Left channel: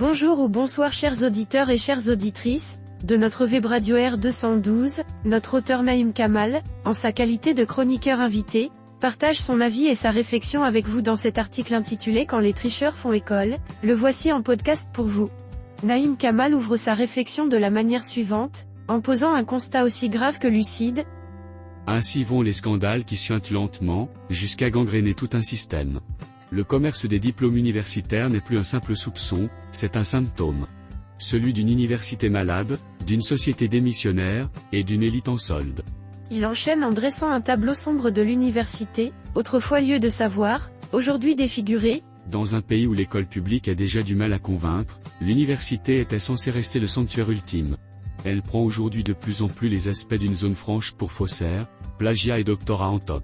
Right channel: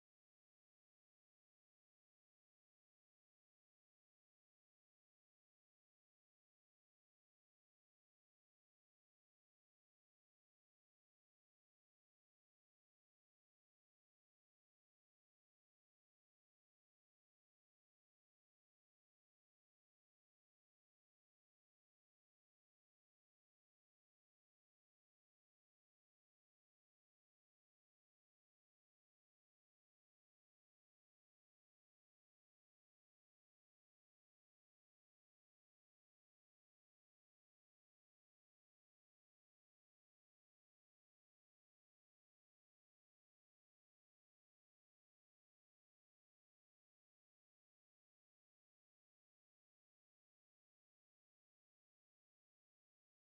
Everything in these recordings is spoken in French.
Bonjour ou bonsoir chers auditeurs et chères auditrices, de notre web radio R212, notre auteur Naïm Kamal, en sa qualité de chroniqueur invité, partage son avis et sa réflexion avec vous dans cet article intitulé Quand les tricheurs font école, le voici en podcast pour vous. Naïm Kamal ouvre sa réflexion de la manière suivante, en posant un constat aussi grave que lucide. Ainsi vont les scandales qui suintent lentement, jusqu'à gangréner tout un système. Le commerce des diplômes universitaires n'est plus un simple soupçon, c'est un symptôme. Celui d'une université malade, d'une société démissionnaire, et d'une élite en solde. Il enchaîne en dressant un tableau sombre de l'université, autrefois lieu de savoir, aujourd'hui défiguré. Dans un pays où l'école publique a déjà du mal à convaincre, l'université était censée rester le sanctuaire ultime. Elle prend aujourd'hui de plus en plus les aspects d'une zone franche pour faussaires, plagiat et doctorat en toc.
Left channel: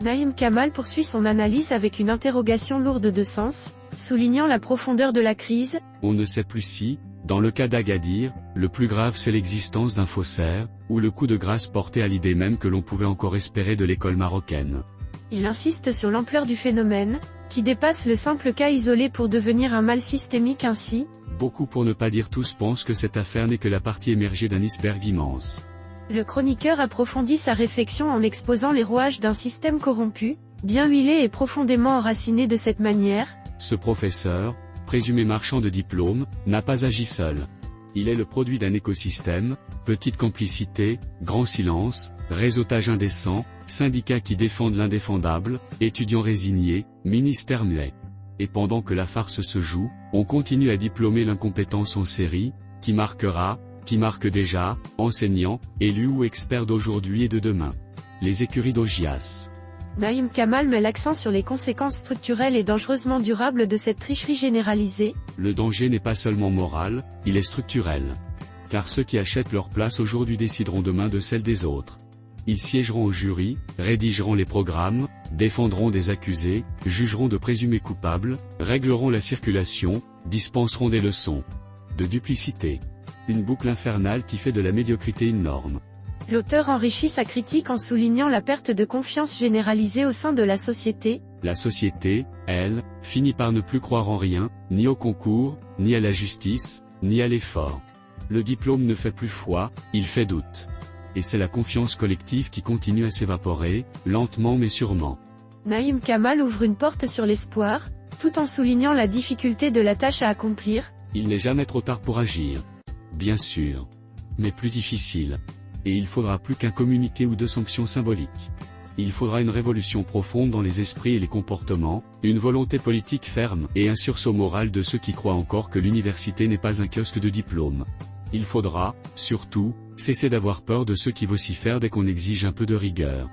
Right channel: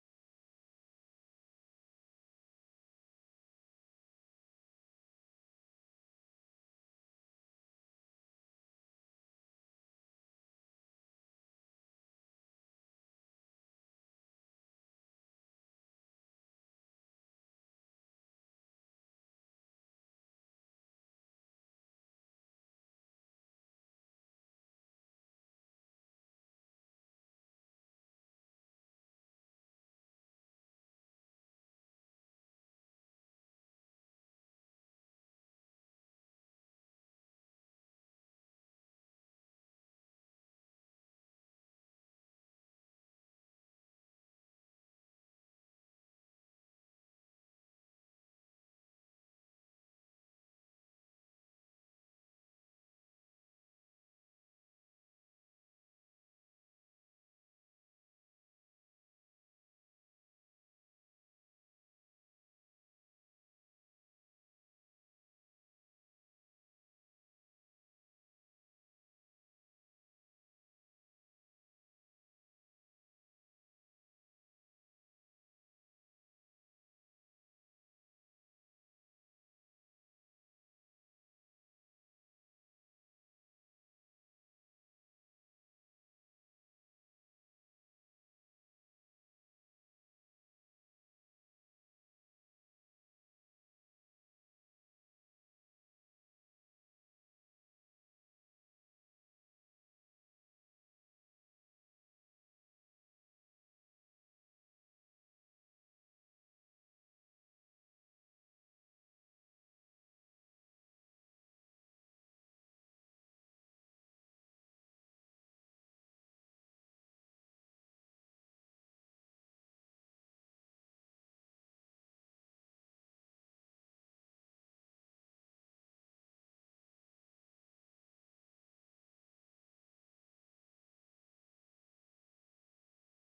Naïm Kamal poursuit son analyse avec une interrogation lourde de sens, soulignant la profondeur de la crise. On ne sait plus si, dans le cas d'Agadir, le plus grave c'est l'existence d'un faussaire, ou le coup de grâce porté à l'idée même que l'on pouvait encore espérer de l'école marocaine. Il insiste sur l'ampleur du phénomène, qui dépasse le simple cas isolé pour devenir un mal systémique ainsi. Beaucoup pour ne pas dire tous pensent que cette affaire n'est que la partie émergée d'un iceberg immense. Le chroniqueur approfondit sa réflexion en exposant les rouages d'un système corrompu, bien huilé et profondément enraciné de cette manière. Ce professeur, présumé marchand de diplômes, n'a pas agi seul. Il est le produit d'un écosystème, petite complicité, grand silence, réseautage indécent, syndicats qui défendent l'indéfendable, étudiants résignés, ministère muet. Et pendant que la farce se joue, on continue à diplômer l'incompétence en série, qui marque déjà, enseignants, élus ou experts d'aujourd'hui et de demain. Les écuries d'Augias. Naïm Kamal met l'accent sur les conséquences structurelles et dangereusement durables de cette tricherie généralisée. Le danger n'est pas seulement moral, il est structurel. Car ceux qui achètent leur place aujourd'hui décideront demain de celle des autres. Ils siégeront au jury, rédigeront les programmes, défendront des accusés, jugeront de présumés coupables, régleront la circulation, dispenseront des leçons de duplicité. Une boucle infernale qui fait de la médiocrité une norme. L'auteur enrichit sa critique en soulignant la perte de confiance généralisée au sein de la société. La société, elle, finit par ne plus croire en rien, ni au concours, ni à la justice, ni à l'effort. Le diplôme ne fait plus foi, il fait doute. Et c'est la confiance collective qui continue à s'évaporer, lentement mais sûrement. Naïm Kamal ouvre une porte sur l'espoir, tout en soulignant la difficulté de la tâche à accomplir. Il n'est jamais trop tard pour agir. Bien sûr. Mais plus difficile. Et il faudra plus qu'un communiqué ou deux sanctions symboliques. Il faudra une révolution profonde dans les esprits et les comportements, une volonté politique ferme, et un sursaut moral de ceux qui croient encore que l'université n'est pas un kiosque de diplômes. Il faudra, surtout, cesser d'avoir peur de ceux qui vocifèrent dès qu'on exige un peu de rigueur.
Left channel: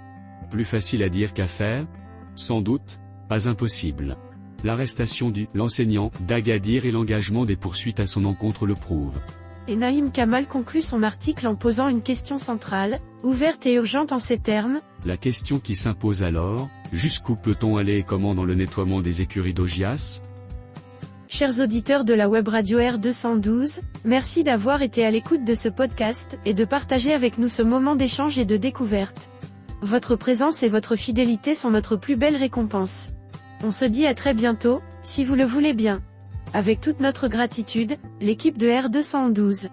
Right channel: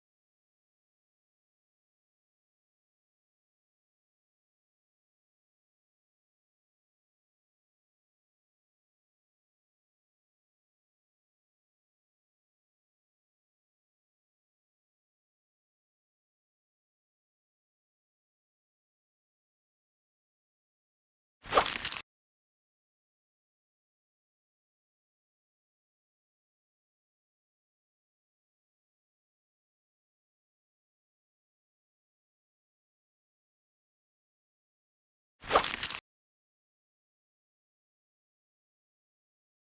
Plus facile à dire qu'à faire? Sans doute, pas impossible. L'arrestation l'enseignant d'Agadir et l'engagement des poursuites à son encontre le prouvent. Et Naïm Kamal conclut son article en posant une question centrale, ouverte et urgente en ces termes. La question qui s'impose alors, jusqu'où peut-on aller et comment dans le nettoiement des écuries d'Augias? Chers auditeurs de la web radio R212, merci d'avoir été à l'écoute de ce podcast, et de partager avec nous ce moment d'échange et de découverte. Votre présence et votre fidélité sont notre plus belle récompense. On se dit à très bientôt, si vous le voulez bien. Avec toute notre gratitude, l'équipe de R212.